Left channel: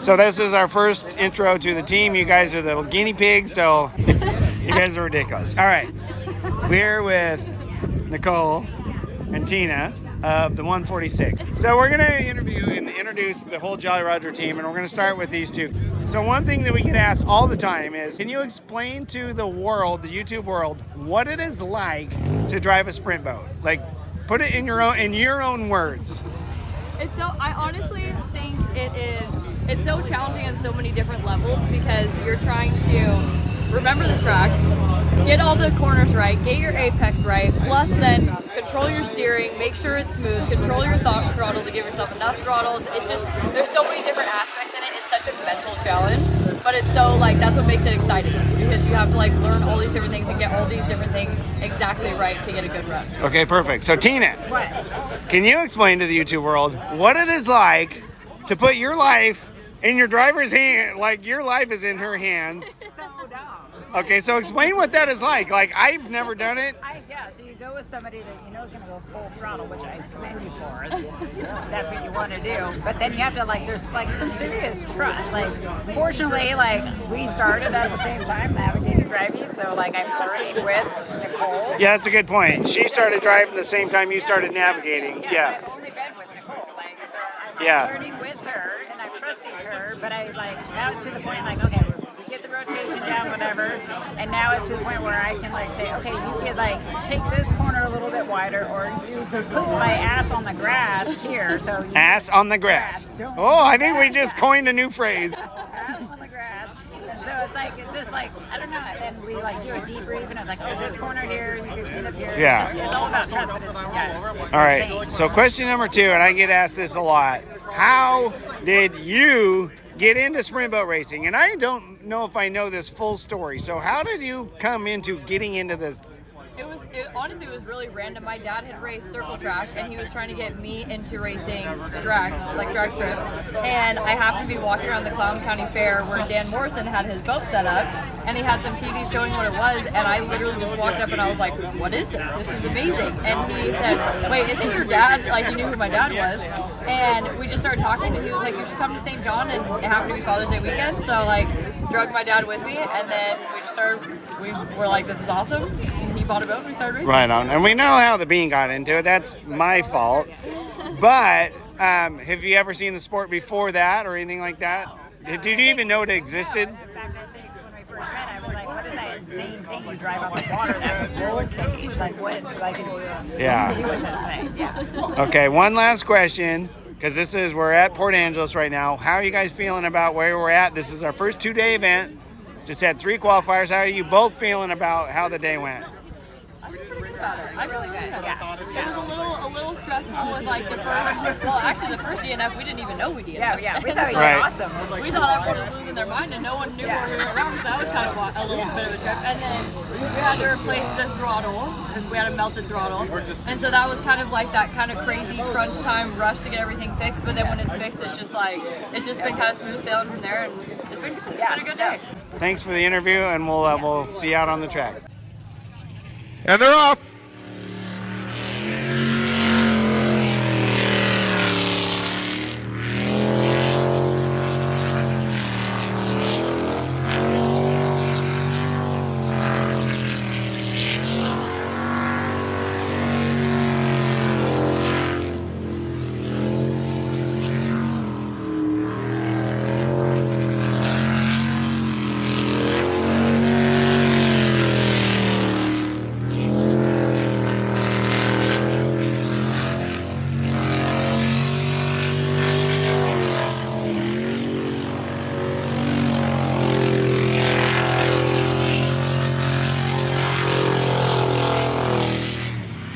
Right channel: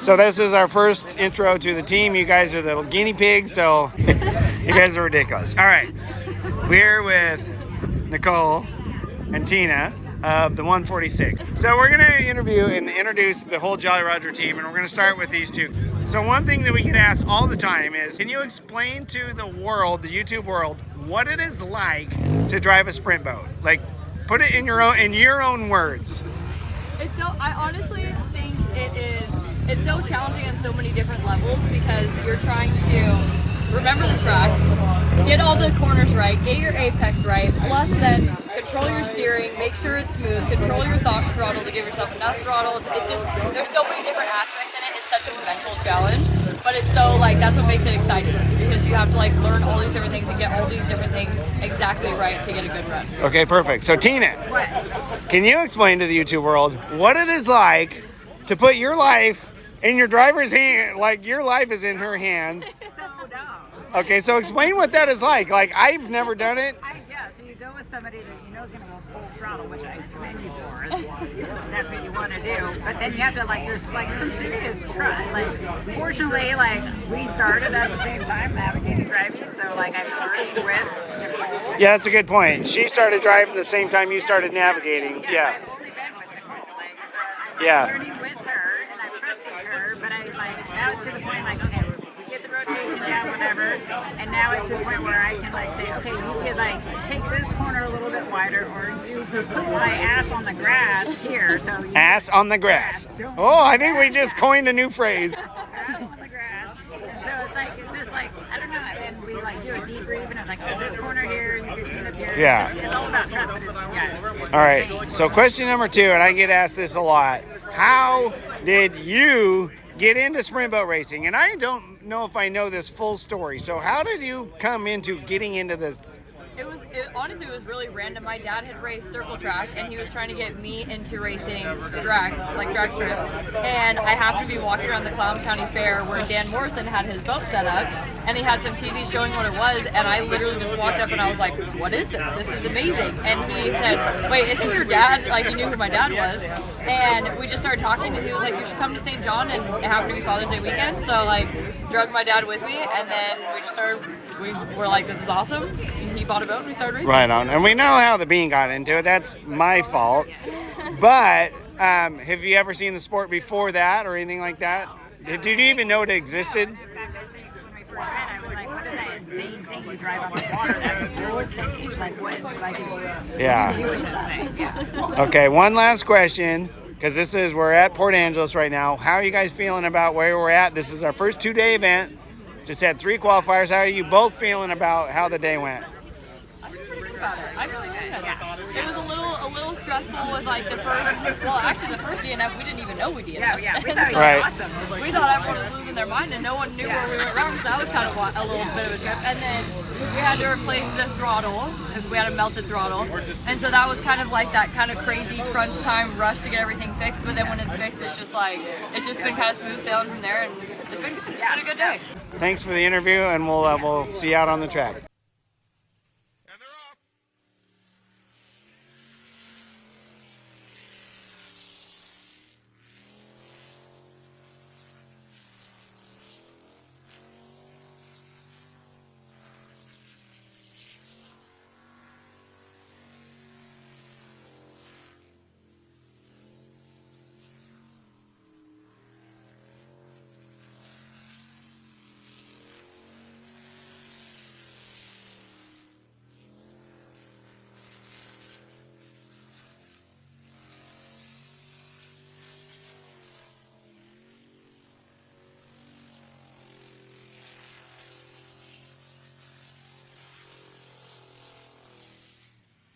So this is our first intro to the team. You guys are the guinea pigs, so you guys are ridiculous. All right, we're with Nicole and Tina of the 146. So we're gonna interview and introduce the whole Jolly Roger team, and we're gonna start with these two. So one thing that we get asked all the time is, can you explain to the world, the YouTube world, what it is like to drive a sprint boat? Like, put it in your own words. It's so, I honestly think it's so challenging on so many different levels because you're trying to remember the track, get all the corners right, get your apex right, plus then control your steering, make sure it's smooth, control your throttle to give yourself enough throttle. It's just, there's so many different aspects in it. It's such a mental challenge, but it's so like, that's what makes it exciting because you have to like learn all these different things and get all these different things exactly right to get a good run. Okay, perfect. So Tina, What? can you explain to the YouTube world what it is like to put your life in your driver's hand, like your life is in her hands? So dumb. Okay, so explain what that is like. Like, I've never done it. So you go with somebody that you know is going to go full throttle, which I commend you for. That's what you want to do. But then you have to, like, there's, like, some serious trust. Like, fortunately, like, we started at the same time, navigating driving, so, like, I'm learning with Nicole. Yeah, that's a good point. She started driving the same time you started navigating. Yeah. I've only been with Nicole. Like, so I'm Yeah. learning with her, and I'm trusting her, but I, like, now to the point, like, okay, we get the rotation down, whatever, and now it's to the point where I can, like, say, okay, you can, like, take this corner a little bit wider, or you put my ass on the grass here, so you Ass on the grass. Oh, I think we just coined a new phrase. ass on the grass, and so it's just like, I don't know, and we, like, do a debrief, and I was like, oh, this corner here, you can speed up here. Yeah. It's all about trust, but it's All right, so question number 2, and I get asked this a lot. How did you get into sprint boat racing? And I don't know if I know this full story. So how did you come into getting into this? Honestly, it was really random. My dad had raced circle track, and he was trying to get me into racing drag strip. And I happened to be walking around the Clown County Fair where Dan Morrison had his boat set up, and he had some TV showing what it was. And I literally just walked up and I was like, "What is this? This is amazing!" And he said, "Wait, isn't your dad?" Like, he knew who my dad was. And we just started talking, and he was like, "You should come to St. John," and it happened to be Father's Day weekend, so like drug my dad with me, and then we were like, "This is awesome," and he bought a boat and we started racing. Right on. And we know how the Bean got into it. That's my fault. But have you ever seen the sport before that or anything like that? Did you even know it existed? In fact, I think when we first met, I was like, what is that insane thing you drive on the water? That's a roll cage? Like, what? Like, Yeah. what are you doing this thing? Yeah. Okay, one last question, because we're at Port Angeles right now. How are you guys feeling about where we're at? This is our first 2-day event. Just had 3 qualifiers. How are you both feeling about how the day went? I feel pretty good about it. I feel good. It was a little stressful with like the first DNF, we didn't even know we DNF. Yeah, we thought it was Right. awesome. We thought everyone was losing their mind and no one knew where we went wrong, so that was kind of a little bit of a trip. And then we had to replace the throttle, and we had a melted throttle, and so that was kind of like that kind of crazy crunch time rush to get everything fixed. But then when it's fixed, it's just been kind of smooth sailing from there, and it's been good. It's been a good day. Thanks for the interview, and we'll see you out on the track. And they're off.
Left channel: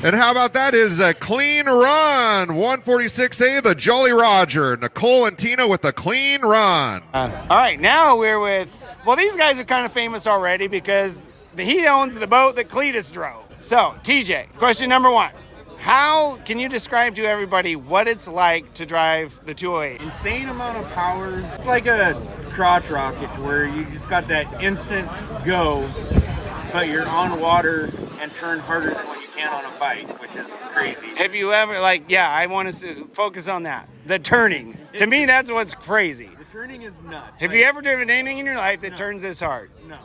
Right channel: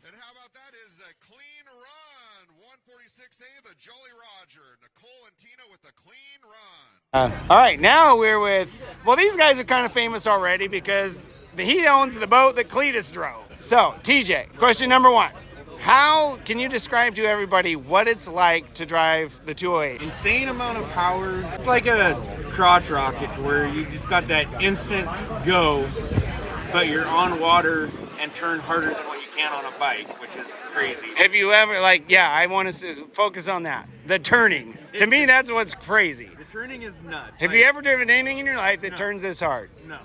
And how about that is a clean run. 146A, the Jolly Roger. Nicole and Tina with a clean run. All right, now we're with, well, these guys are kind of famous already because he owns the boat that Cletus drove. So, TJ, question number 1. How can you describe to everybody what it's like to drive the 208? Insane amount of power. It's like a crotch rocket where you just got that instant go, but you're on water and turn harder than what you can on a bike, which is crazy. Have you ever, I want to focus on that. The turning. To me, that's what's crazy. The turning is nuts. Have you ever driven anything in your life that turns this hard? No.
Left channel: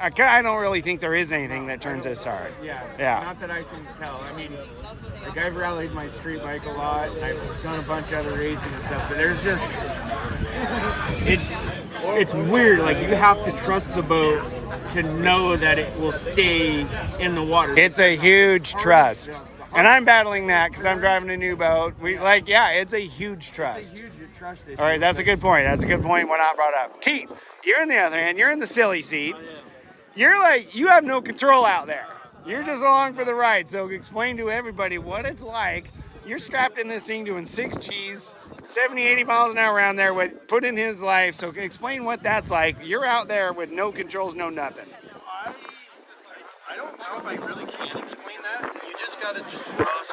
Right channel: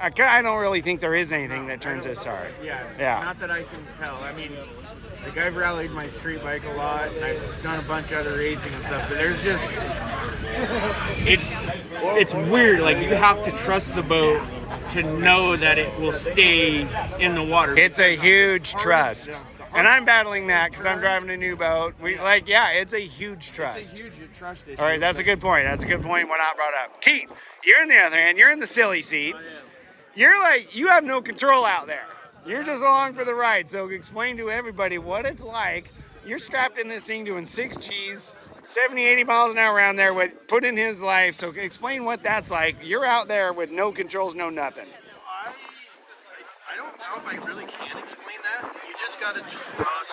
I don't really think there is anything that turns this hard. Yeah. Yeah. Not that I can tell. I mean, like I've rallied my street bike a lot, and I've done a bunch of other racing and stuff, but there's just it's weird. Like you have to trust the boat to know that it will stay in the water. It's a huge trust. And I'm battling that because I'm driving a new boat. It's a huge trust. It's a huge trust issue. All right, that's a good point. That's a good point. We're not brought up. Keith, you're in the other hand. You're in the silly seat. You're like, you have no control out there. You're just along for the ride. So explain to everybody what it's like. You're strapped in this thing doing 6 Gs, 70, 80 miles an hour around there with put in his life. So explain what that's like. You're out there with no controls, no nothing. I don't know if I really can explain that. You just got to trust.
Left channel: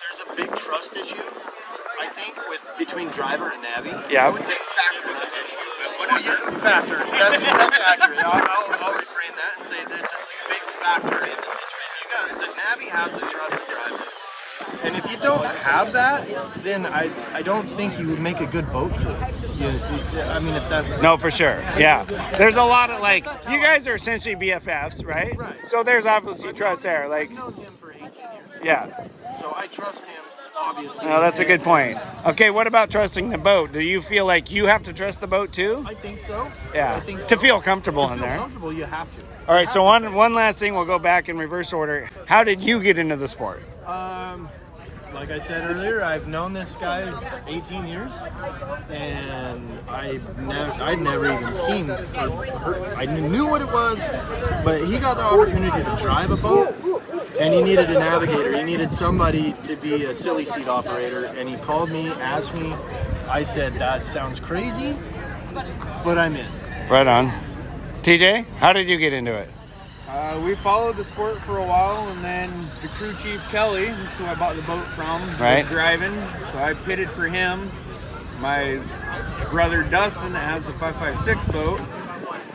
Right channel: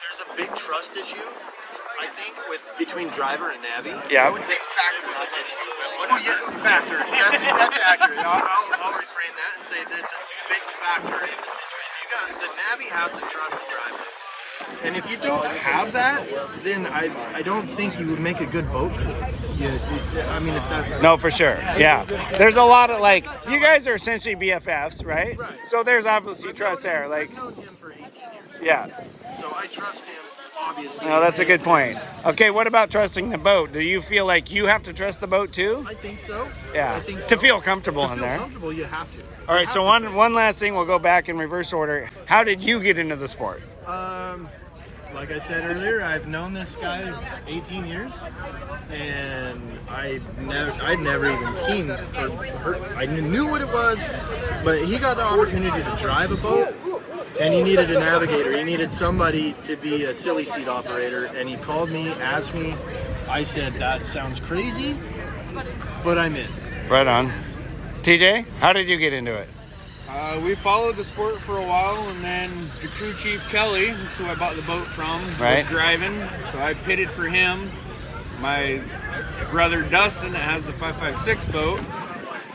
There's a big trust issue, I think, between driver and Navi. Yeah. I would say factor, not issue, but whatever. Factor. That's accurate. I'll reframe that and say that it's a big factor in the situation. The Navi has to trust the driver. And if you don't have that, then I don't think you would make a good boat crew. I mean, if that... No, for sure. Yeah. There's a lot of, like, you guys are essentially BFFs, right? Right. So there's obviously trust there. Like, I've known him for 18 years. yeah. So I trust him, obviously. No, that's a good point. Okay, what about trusting the boat? Do you feel like you have to trust the boat too? I think so. Yeah. I think so. To feel comfortable To in feel there. comfortable, you have to. All right, so one last thing, we'll go back in reverse order. How did you get into the sport? Like I said earlier, I've known this guy 18 years, and I'd never even seen or heard. I knew what it was, but he got the opportunity to drive a boat, and he needed a navigator. He needed somebody to be a silly seat operator, and he called me, asked me. I said, that sounds crazy, but I'm in. Right on. TJ, how did you get into it? We followed the sport for a while, and then the crew chief Kelly, that's who I bought the boat from, Right. was driving, so I pitted for him. My brother Dustin, that has the 556 boat,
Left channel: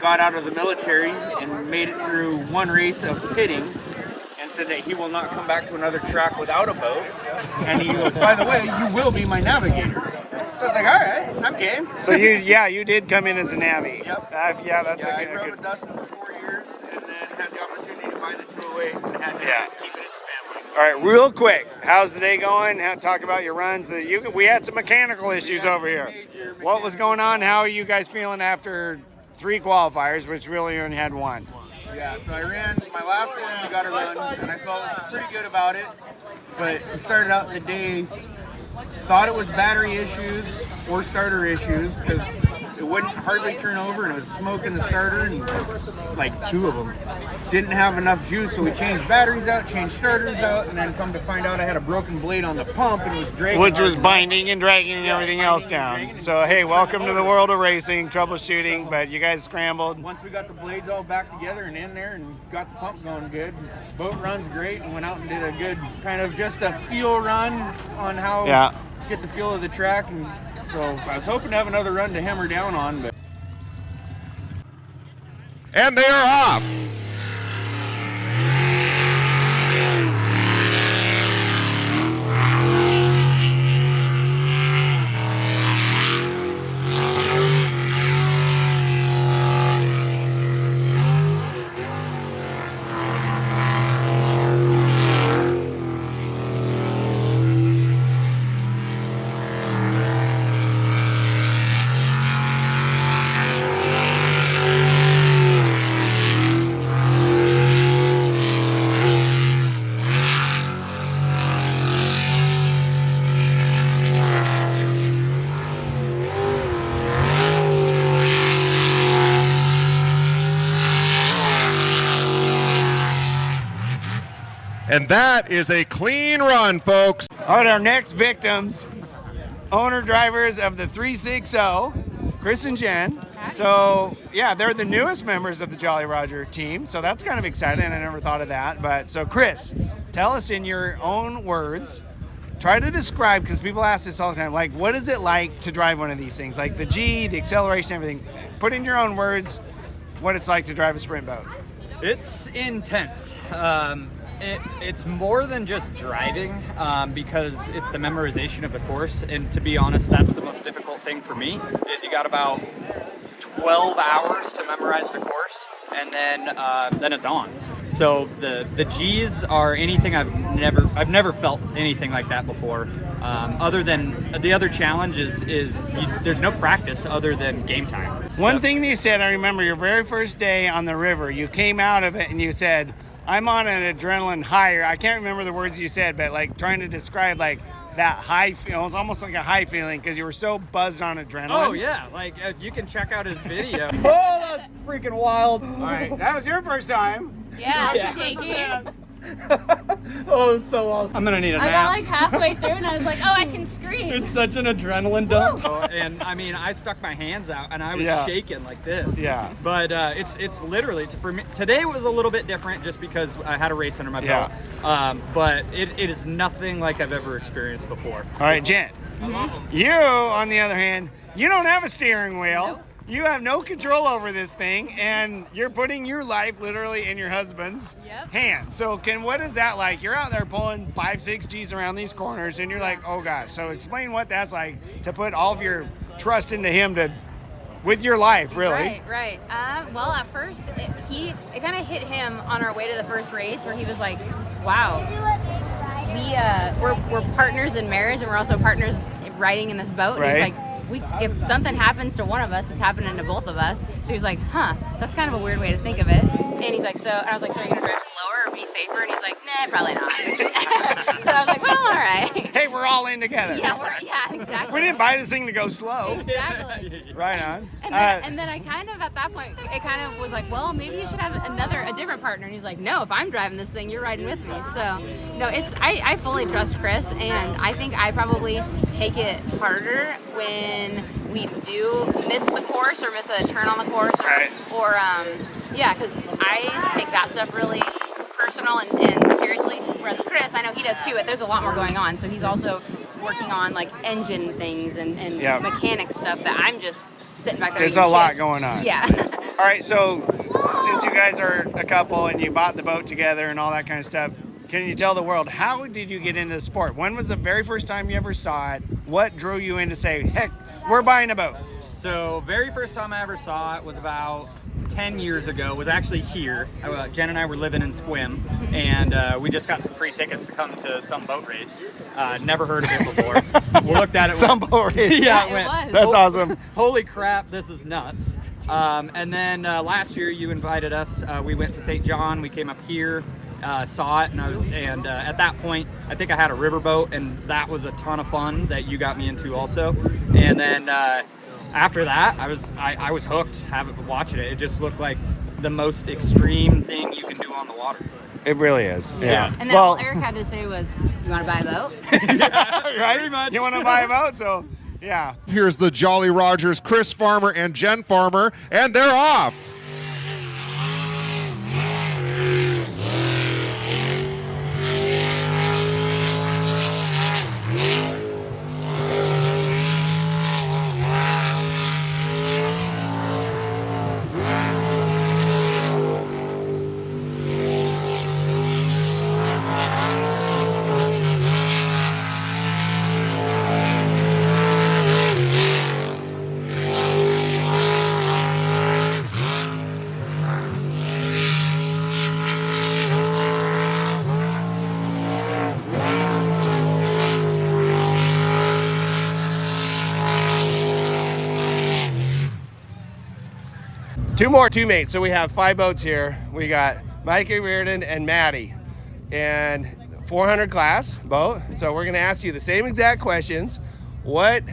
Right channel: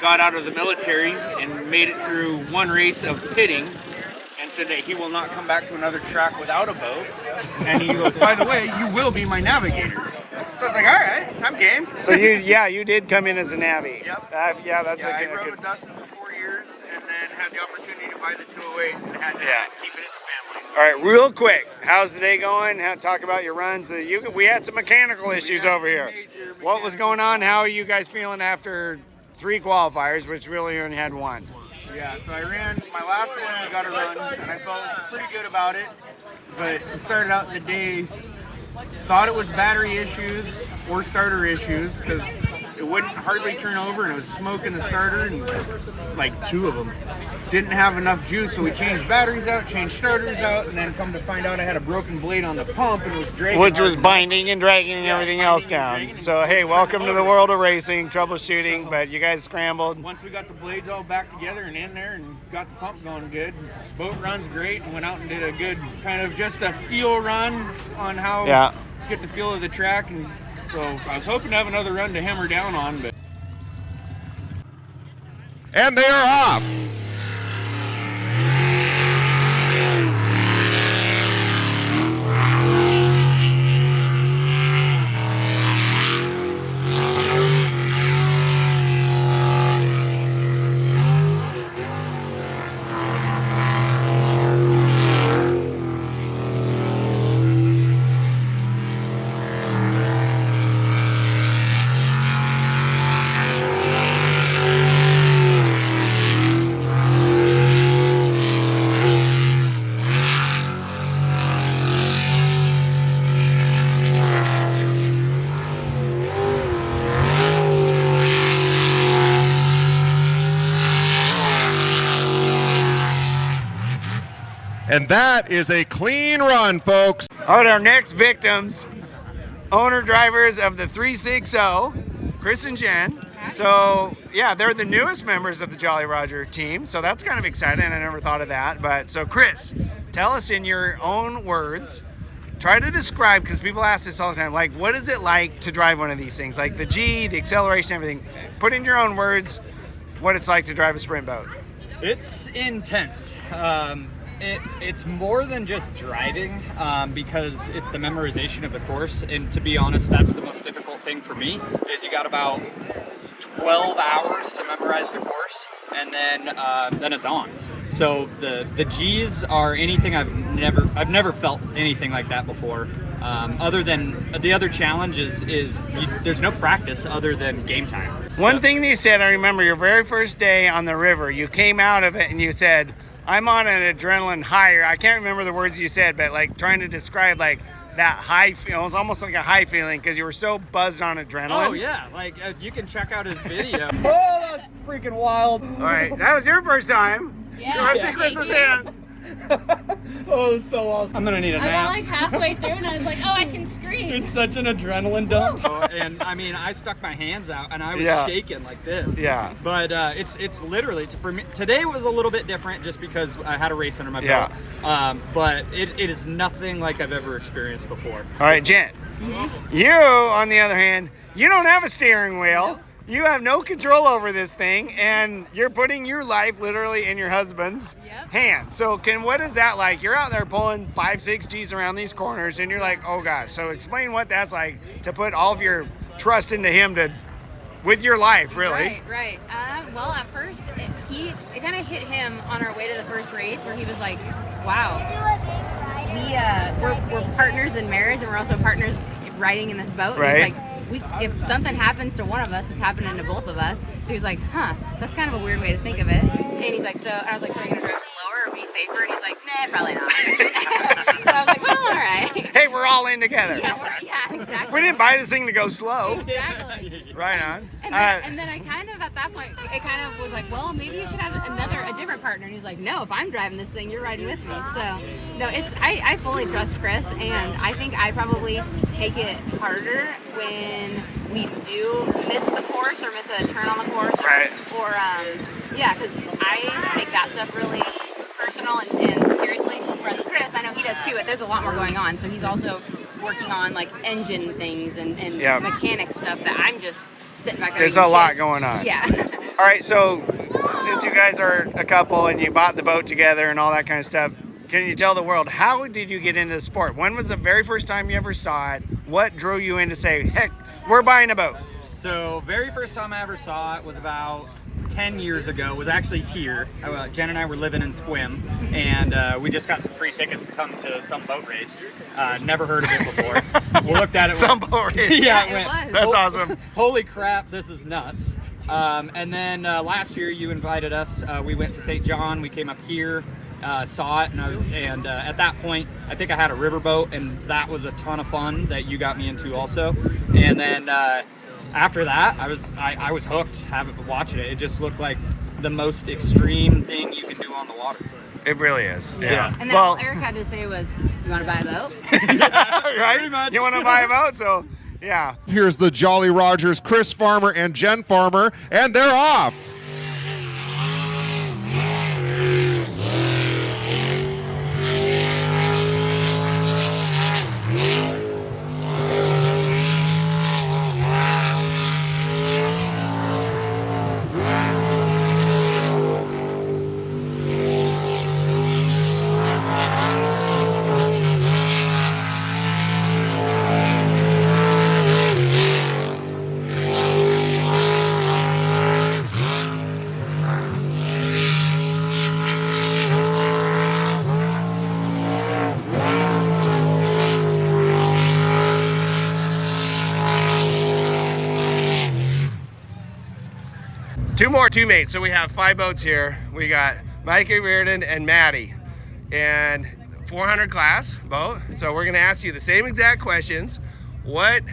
got out of the military and made it through one race of pitting, and said that he will not come back to another track without a boat. And he goes, by the way, you will be my navigator. So I was like, all right, I'm game. So you did come in as a Navy. Yep. That's I a rode good. with Dustin for 4 years, and then had the opportunity to buy the 208 and had to keep it in the family. So. All right, real quick, how's the day going? Talk about your runs. We had some mechanical issues over here. What was going on? How are you guys feeling after 3 qualifiers, which really only had 1? Yeah, so I ran my last one. We got a run, and I felt pretty good about it. But it started out the day, thought it was battery issues or starter issues because it wouldn't hardly turn over, and it was smoke in the starter, and like 2 of them didn't have enough juice. So we changed batteries out, changed starters out, and then come to find out I had a broken blade on the pump, and it was dragging. Which was hard. binding and dragging and everything else down. So hey, welcome to the world of racing, troubleshooting. But you guys scrambled. Once we got the blades all back together and in there and got the pump going good, boat runs great, and went out and did a good kind of just a feel run on how get the feel of the track. And so I was hoping to have another run to hammer down on, but. And they are off. And that is a clean run, folks. All right, our next victims, owner drivers of the 360, Chris and Jen. So yeah, they're the newest members of the Jolly Roger team. So that's kind of exciting. I never thought of that. But so Chris, tell us in your own words, try to describe, because people ask this all the time, like what is it like to drive one of these things? Like the G, the acceleration, everything. Put in your own words what it's like to drive a sprint boat. It's intense. It's more than just driving, because it's the memorization of the course. And to be honest, that's the most difficult thing for me, is you got about 12 hours to memorize the course, and then it's on. So the G's are anything I've never felt anything like that before. Other than the other challenge is there's no practice other than game time. One thing that you said, I remember your very first day on the river, you came out of it and you said, I'm on an adrenaline high. I can't remember the words you said, but like trying to describe like that high, it was almost like a high feeling because you were so buzzed on adrenaline. Oh yeah, like you can check out his video. Oh, that's freaking wild. All right, that was your first time. Yeah. This is Chris's hands. Oh, it's so awesome. I'm gonna need a I got nap. like halfway through and I was like, oh, I can scream. It's such an adrenaline dump. Oh, and I mean, I stuck my hands out and I was shaking like this. Yeah. But it's literally, for me, today was a little bit different just because I had a race under my belt. But it is nothing like I've ever experienced before. All right, Jen. You, on the other hand, you don't have a steering wheel. Nope. You have no control over this thing, and you're putting your life literally in your husband's hands. So what is that like? You're out there pulling 5-6 G's around these corners, and you're like, oh gosh. So explain what that's like to put all of your trust into him with your life, really. Right. Well, at first, it kind of hit him on our way to the first race where he was like, wow, we're partners in marriage, and we're also partners riding in this boat. Right. And he's like, if something happens to one of us, it's happening to both of us. So he's like, huh, that's kind of a weird way to think of it. And he's like, I was like, so are you gonna drive slower or be safer? And he's like, nah, probably not. So I was like, well, all right. Hey, we're all in together. Yeah, exactly. We didn't buy this thing to go slow. Exactly. Right on. And then I kind of, at that point, it kind of was like, well, maybe you should have a different partner. And he's like, no, if I'm driving this thing, you're riding with me. So, no, I fully trust Chris, and I think I probably take it harder when we do miss the course or miss a turn on the course. Because I take that stuff really personal and seriously. Whereas Chris, I know he does too, but there's a lot more going on. So he's also working on like engine things and mechanic stuff that I'm just sitting back there. There's a lot going on. Yeah. All right, so since you guys are a couple and you bought the boat together and all that kind of stuff, can you tell the world, how did you get into the sport? When was the very first time you ever saw it? What drew you in to say, heck, we're buying a boat? So very first time I ever saw it was about 10 years ago. It was actually here. Jen and I were living in Squim, and we just got some free tickets to come to some boat race. Never heard of it before. We looked at it. Some boat race. Yeah, it was. That's awesome. Holy crap, this is nuts. And then last year you invited us. We went to St. John. We came up here. Saw it, and at that point I think I had a riverboat, and that was a ton of fun that you got me into also. And then after that I was hooked watching it. It just looked like the most extreme thing you can do on the water. It really is. Yeah. And then all Eric had to say was, you want to buy a boat? Right? Pretty much. You want to buy a boat? So, yeah. Here's the Jolly Rogers, Chris Farmer and Jen Farmer, and they're off. Two more teammates. So we have 5 boats here. We got Mikey, Reardon, and Maddie. And 400 class boat. So we're gonna ask you the same exact questions. What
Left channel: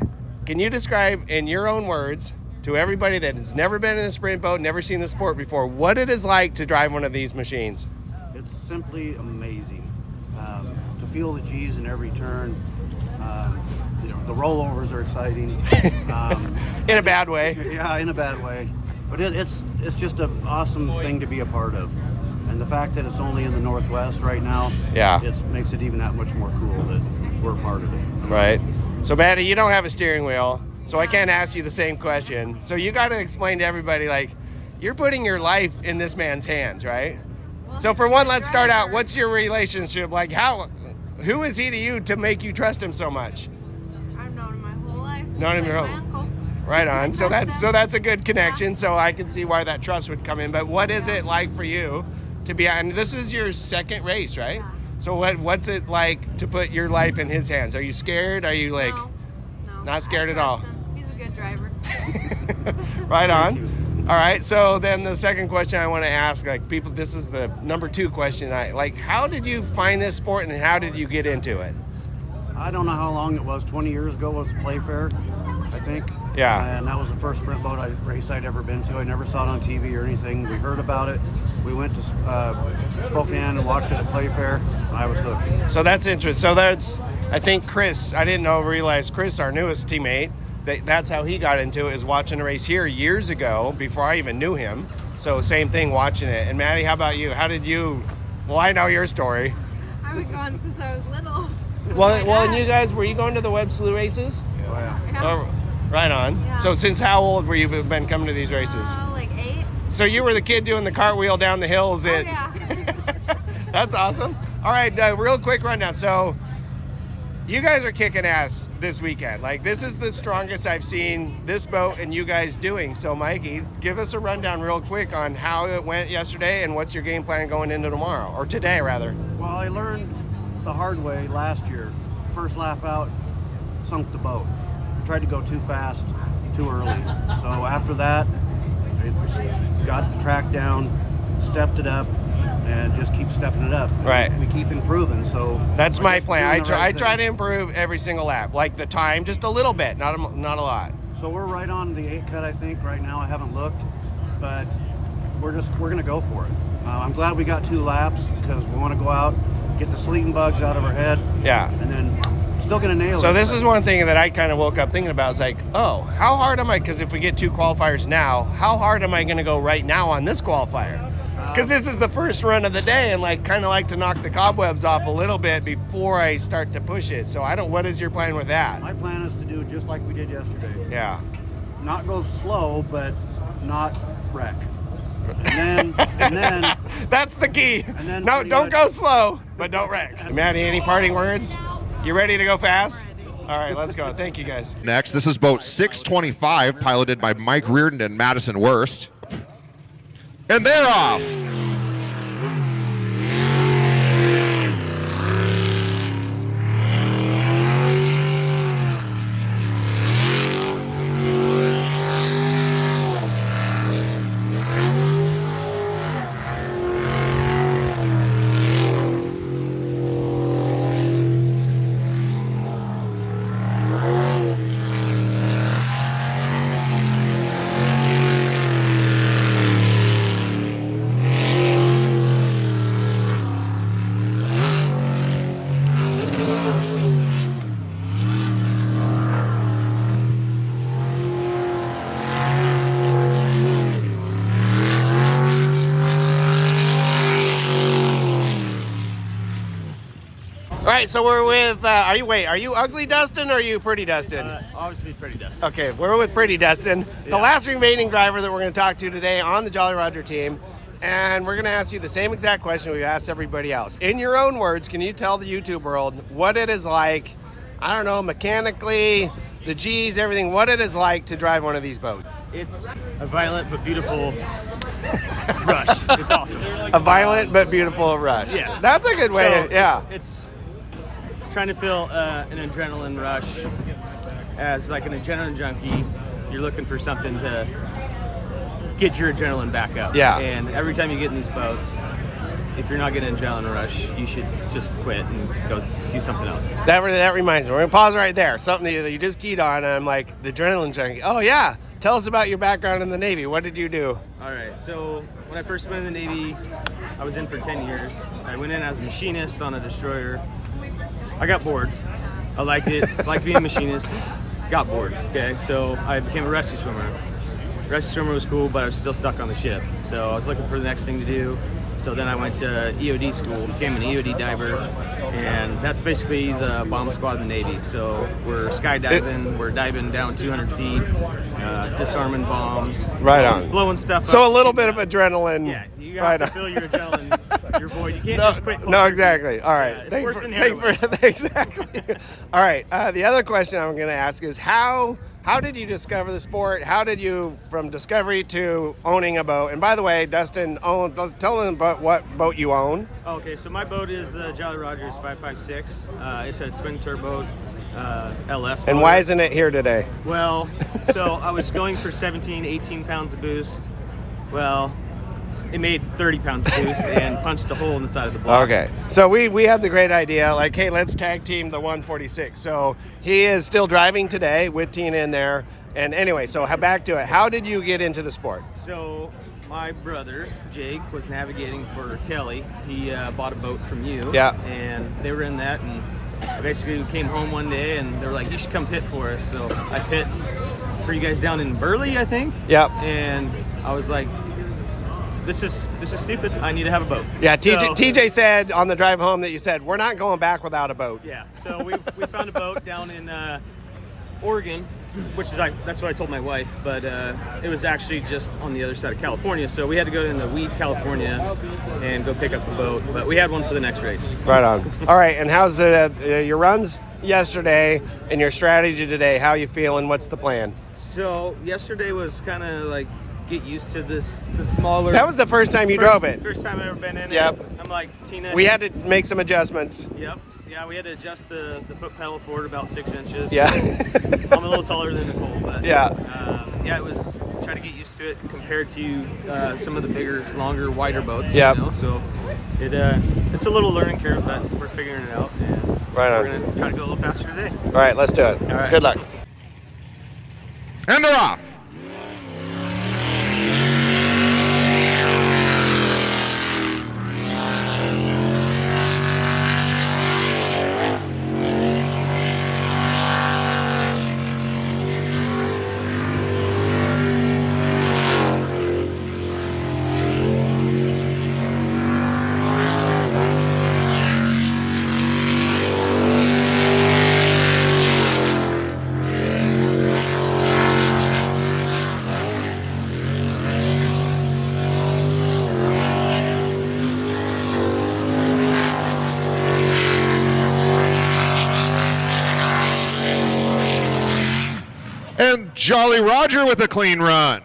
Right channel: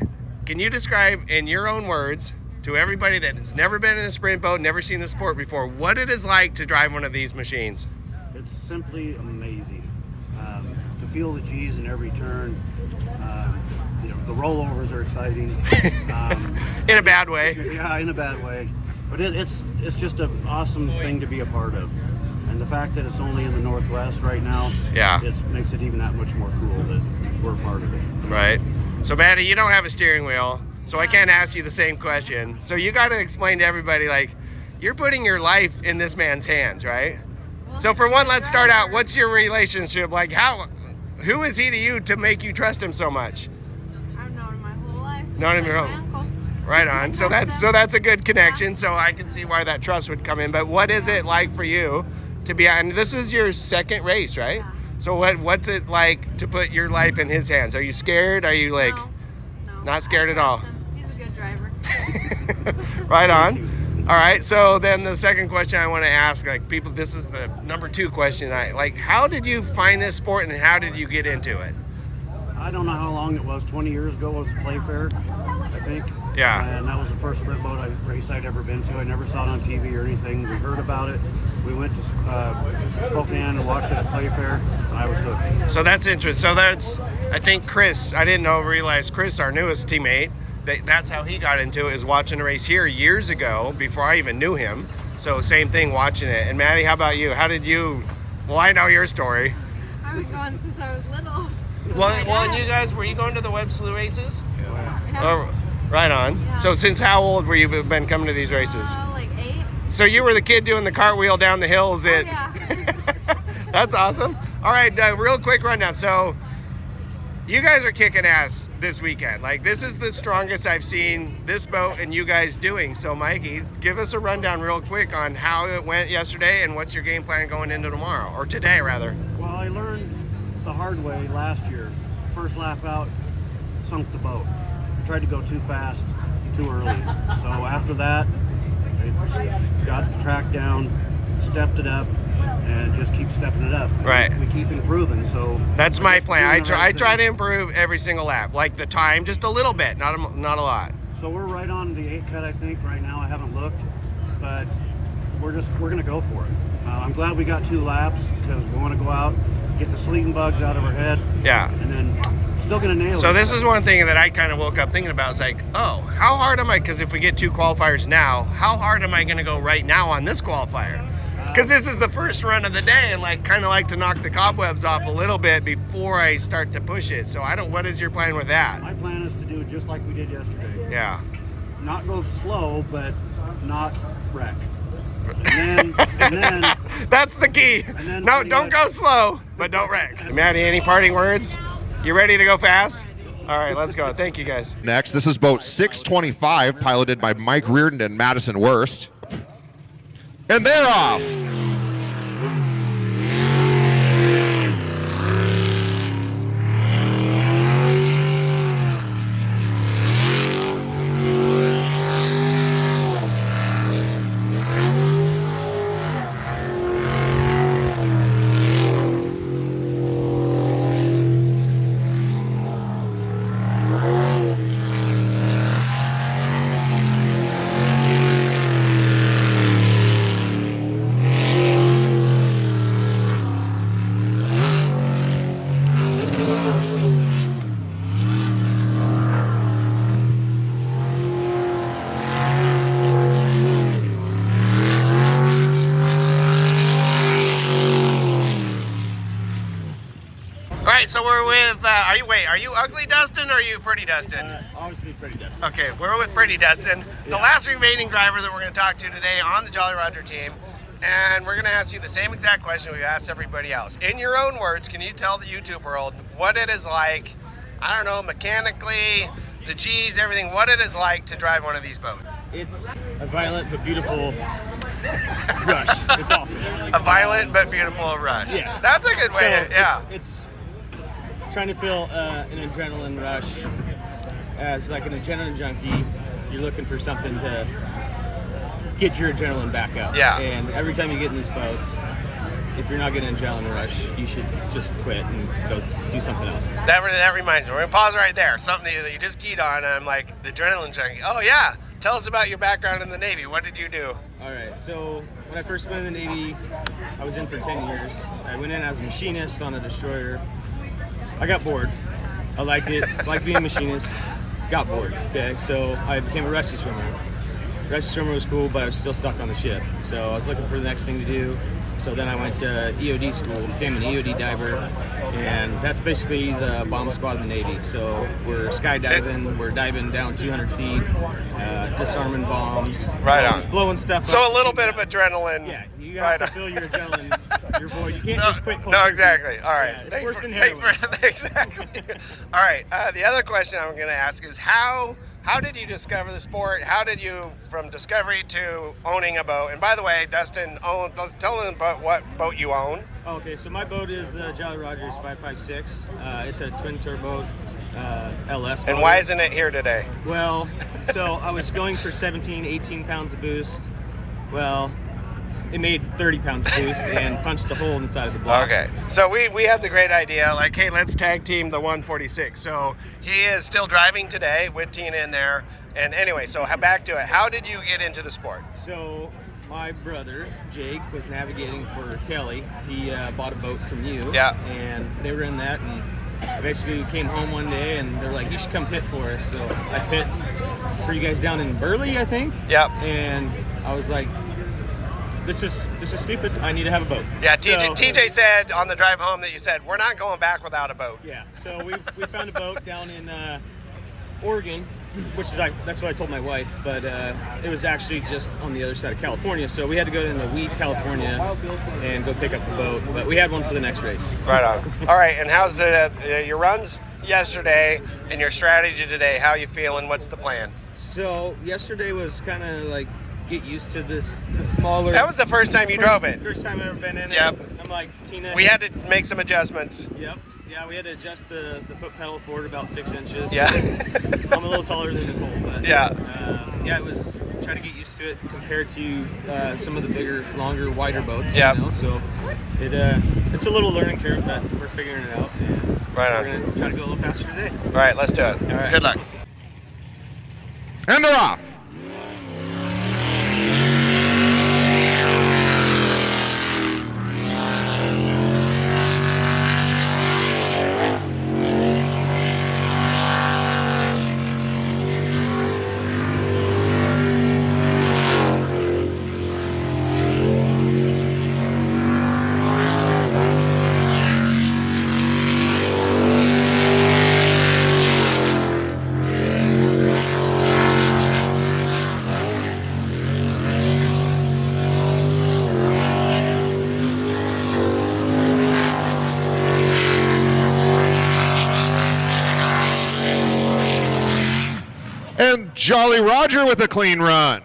can you describe in your own words to everybody that has never been in a sprint boat, never seen the sport before, what it is like to drive one of these machines? It's simply amazing. To feel the G's in every turn. The rollovers are exciting. In a bad way. Yeah, in a bad way. But it's just an awesome thing to be a part of. And the fact that it's only in the Northwest right now, it makes it even that much more cool that we're a part of it. Right. So Maddie, you don't have a steering wheel, so I can't ask you the same question. So you got to explain to everybody, like, you're putting your life in this man's hands, right? So for one, let's start out. What's your relationship like? Who is he to you to make you trust him so much? I've known him my whole life. Known him He's your like whole- my uncle. Right on. So that's a good connection. So I can see why that trust would come in. But what is it like for you to be on? This is your second race, right? Yeah. So what's it like to put your life in his hands? Are you scared? Are you like No. not scared I at all? trust him. He's a good driver. Right on. All right. So then the second question I want to ask, like people, this is the number 2 question. How did you find this sport and how did you get into it? I don't know how long it was. 20 years ago was Playfair, I think. Yeah. And that was the first sprint boat race I'd ever been to. I never saw it on TV or anything. We heard about it. We went to Spokane and watched it at Playfair, and I was hooked. So that's interesting. So I think Chris, I didn't realize Chris, our newest teammate, that's how he got into it, is watching a race here years ago before I even knew him. So same thing, watching it. And Maddie, how about you? How did you, well, I know your story. I've been going since I was little. Well, and you guys, were you going to the Web Slew races? Oh, yeah. Yeah. Oh, right on. Yeah. So since how old were you been coming to these races? Like 8. So you were the kid doing the cartwheel down the hills at... Yeah. That's awesome. All right, real quick rundown. So you guys are kicking ass this weekend. Like, this is the strongest I've seen this boat and you guys doing. So Mikey, give us a rundown real quick on how it went yesterday and what's your game plan going into tomorrow, or today rather. Well, I learned the hard way last year. First lap out, sunk the boat. I tried to go too fast, too early. So after that, I got the track down, stepped it up, and just keep stepping it up. Right. We keep improving, so That's we're my just plan. doing I the try, right I try to thing. improve every single lap, like the time, just a little bit, not a lot. So we're right on the 8 cut, I think, right now. I haven't looked, but we're gonna go for it. I'm glad we got 2 laps because we want to go out, get the sleeting bugs out of our head, Yeah. and then still gonna nail it. So this is one thing that I kind of woke up thinking about. Is like, oh, how hard am I? Because if we get 2 qualifiers now, how hard am I going to go right now on this qualifier? Because this is the first run of the day, and like kind of like to knock the cobwebs off a little bit before I start to push it. So what is your plan with that? My plan is to do just like we did yesterday. Yeah. Not go slow, but not wreck. And then That's the key. then No, pretty don't much- go slow, but don't wreck. Maddie, any parting words? You ready to go fast? All right, let's go. Thank you, guys. Next, this is boat 625, piloted by Mike Reardon and Madison Wurst. And they're off. All right, so we're with, are you ugly Dustin or are you pretty Dustin? Obviously pretty Dustin. Okay, we're with Pretty Dustin, the last remaining driver that we're going to talk to today on the Jolly Roger team. And we're going to ask you the same exact question we asked everybody else. In your own words, can you tell the YouTube world what it is like, I don't know, mechanically, the G's, everything, what it is like to drive one of these boats? It's a violent but beautiful rush. It's awesome. A violent but beautiful rush. Yes. That's a good way, So it's trying to feel an adrenaline rush. As like an adrenaline junkie, you're looking for something to get your adrenaline back up. Yeah. And every time you get in these boats, if you're not getting an adrenaline rush, you should just quit and go do something else. That reminds me. We're going to pause right there. Something that you just keyed on, and I'm like, the adrenaline junkie. Oh, yeah. Tell us about your background in the Navy. What did you do? All right, so when I first went in the Navy, I was in for 10 years. I went in as a machinist on a destroyer. I got bored. I liked it, liked being a machinist, got bored, okay? So I became a rescue swimmer. Rescue swimmer was cool, but I was still stuck on the ship. So I was looking for the next thing to do. So then I went to EOD school, became an EOD diver, and that's basically the bomb squad in the Navy. So we're skydiving, we're diving down 200 feet, disarming bombs, Right blowing stuff up. So a little bit of shooting adrenaline. Yeah, you have to Right. fill your adrenaline, your void. You can't just quit cold No, turkey. exactly. All right. Yeah, it's worse than heroin. Exactly. All right. The other question I'm going to ask is how did you discover the sport? How did you, from discovery to owning a boat? And by the way, Dustin, tell them about what boat you own. Okay, so my boat is the Jolly Rogers 556. It's a twin turbo LS motor. And why isn't it here today? Well, so I was going for 17, 18 pounds of boost. Well, it made 30 pounds of boost and punched a hole in the side of the block. Okay. So we had the great idea, like, hey, let's tag team the 146. So he is still driving today with Tina in there. And anyway, so back to it. How did you get into the sport? So my brother, Jake, was navigating for Kelly. He bought a boat from you. Yeah. And they were in that, and I basically came home one day and they were like, you should come pit for us. So I pit for you guys down in Burley, I think. Yeah. And I was like, this is stupid. I need to have a boat. Yeah, So- TJ said on the drive home that you said, we're not going back without a boat. Yeah, so we found a boat down in Oregon, which is that's what I told my wife, but it was actually just on the other side of California, so we had to go into Weed, California, and go pick up the boat. But we had one for the next race. Right on. All right, and how's your runs yesterday and your strategy today? How you feeling? What's the plan? So yesterday was kind of like get used to the smaller. That was the first time you drove it. First time I've ever been in Yep. it. I'm like, Tina. We had to make some adjustments. Yep. Yeah, we had to adjust the foot pedal forward about 6 inches. Yeah. I'm a little taller than Nicole, but Yeah. it was trying to get used to it compared to some of the bigger, longer, wider boats. Yeah. You know, so it's a little learning curve, but we're figuring it out, and Right on. we're gonna try to go a little faster today. All right, let's do it. All right. Good luck. And they're off. And Jolly Roger with a clean run.